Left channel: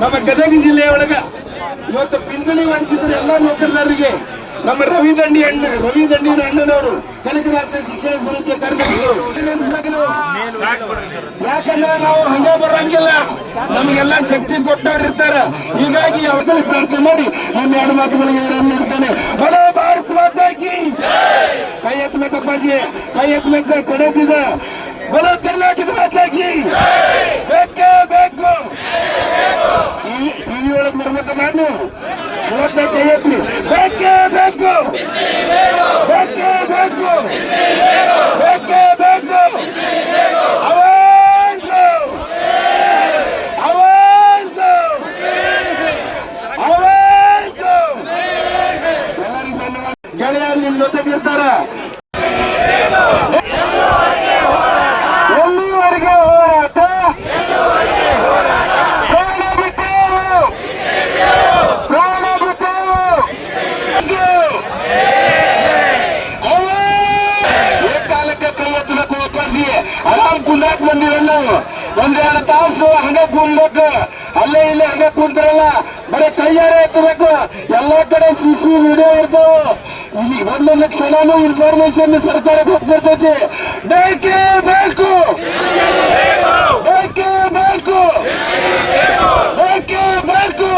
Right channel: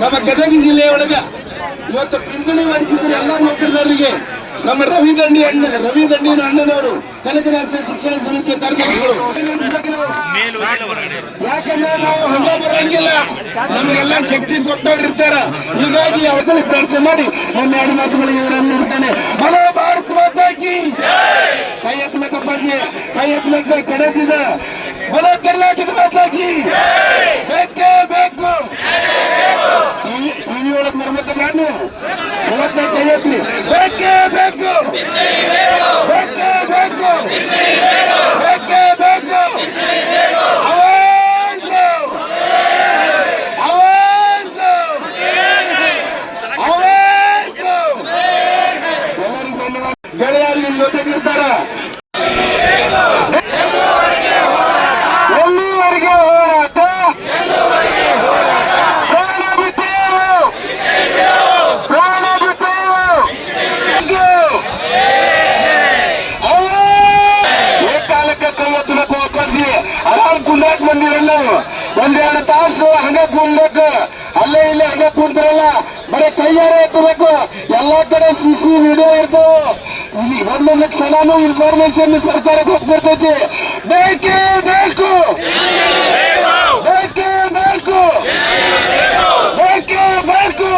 ನಮ್ಮ ಗದಗ ಜಿಲ್ಲೆಯೊಳಗ ಇವತ್ತು ಪಿಂಚಣಿ ವಂಚಿತರ ಎಲ್ಲಾ ನೌಕರರಿಗೆ ನಮ್ಮ ರವಿ ದಂಡಿನ ಅಣ್ಣನವರು ಕನಕದಾಸ ಶಿಕ್ಷಣ ಸಮಿತಿಯ ಕಾರ್ಯದರ್ಶಿಗಳು. ಯಾಕಂದ್ರೆ ನಾವು ಹಂಗ ಬರಂಗಿಲ್ಲ, ನಮಗೆಲ್ಲ ಶಕ್ತಿ ಕೊಟ್ಟವ್ರು ಇರ್ತಾರ. ಹೀಗಾಗಿ ಅವ್ರಿಗೆ ಪ್ರಾರ್ಥನೆ ಮಾಡಿ ನಮ್ಮ ಎರಡು ಮಾತುಗಳಿಗೆ ನೋಡ್ತಾನೆ. ಬಲೋ ಭಾರತ ಮಾತಾ ಕಿ ಕೈ ಎತ್ತಬೇಕಪ್ಪಾಜಿ, ಕೈ ಎತ್ತಬೇಕು. ಕಡೆದಿದ ಬಲೋ ಕರ್ನಾಟಕ ಮಾತಾ ಕಿ ಬೇಕೇ ಬೇಕು. ಟಿವಿ ಒಳಗೆ ಬರ್ಬೇಕು, ನಾನು ಇವತ್ತೇ ಕೈ ಎತ್ತಿ ಬೇಕೇ ಬೇಕು, ಬೇಕೇ ಬೇಕು, ಬೇಕೇ ಬೇಕು. ಅವಾಜು ಅವಾಜು ಅವಾಜು. ಎಲ್ಲರಿಗೂ ಧನ್ಯವಾದ. ಗೆಳೆಯರು ನಿಮ್ಮ ಜೊತೆಗಿರ್ತಾರ. ಎಲ್ಲಿವರೆಗೆ ಹೋರಾಟ, ಪ್ರಾಣ ಬಿಟ್ಟೇವು. ಏಕಾಲಕ್ಕೆ ಕೈ ಎತ್ತಬೇಕು. ಒಪ್ಪಿಸಿ ಆರಾಮ್ ಕುಂದಾಕ್ ಬಂದಿವಿ. ನಾವು ಒಂದೆರಡು ತಾಸು ಹಂಗೆ ಕುಂದಬೇಕು. ಅಲ್ಲೇ ಇಲ್ಲೇ ಹಂಗೆ ಕುಂತಿರಲ್ಲ, ಬರೀ ಕೈಯಾರೆ ಎತ್ತಬೇಕು. ಎಲ್ಲಾ ಕಡೆ ಸಿಸಿ ವಿಡಿಯೋ ಇರ್ತಾವ. ಒಂದೊಂದು ಕ್ಷಣನೂ ಇನ್ಫಾರ್ಮೇಶನ್ ಸರ್ಕಾರಕ್ಕೆ ಹೋಗ್ತಿರ್ತೈತಿ. ಬೇಕೇ ಬೇಕು, ಬೇಕೇ ಬೇಕು, ಬೇಕೇ ಬೇಕು.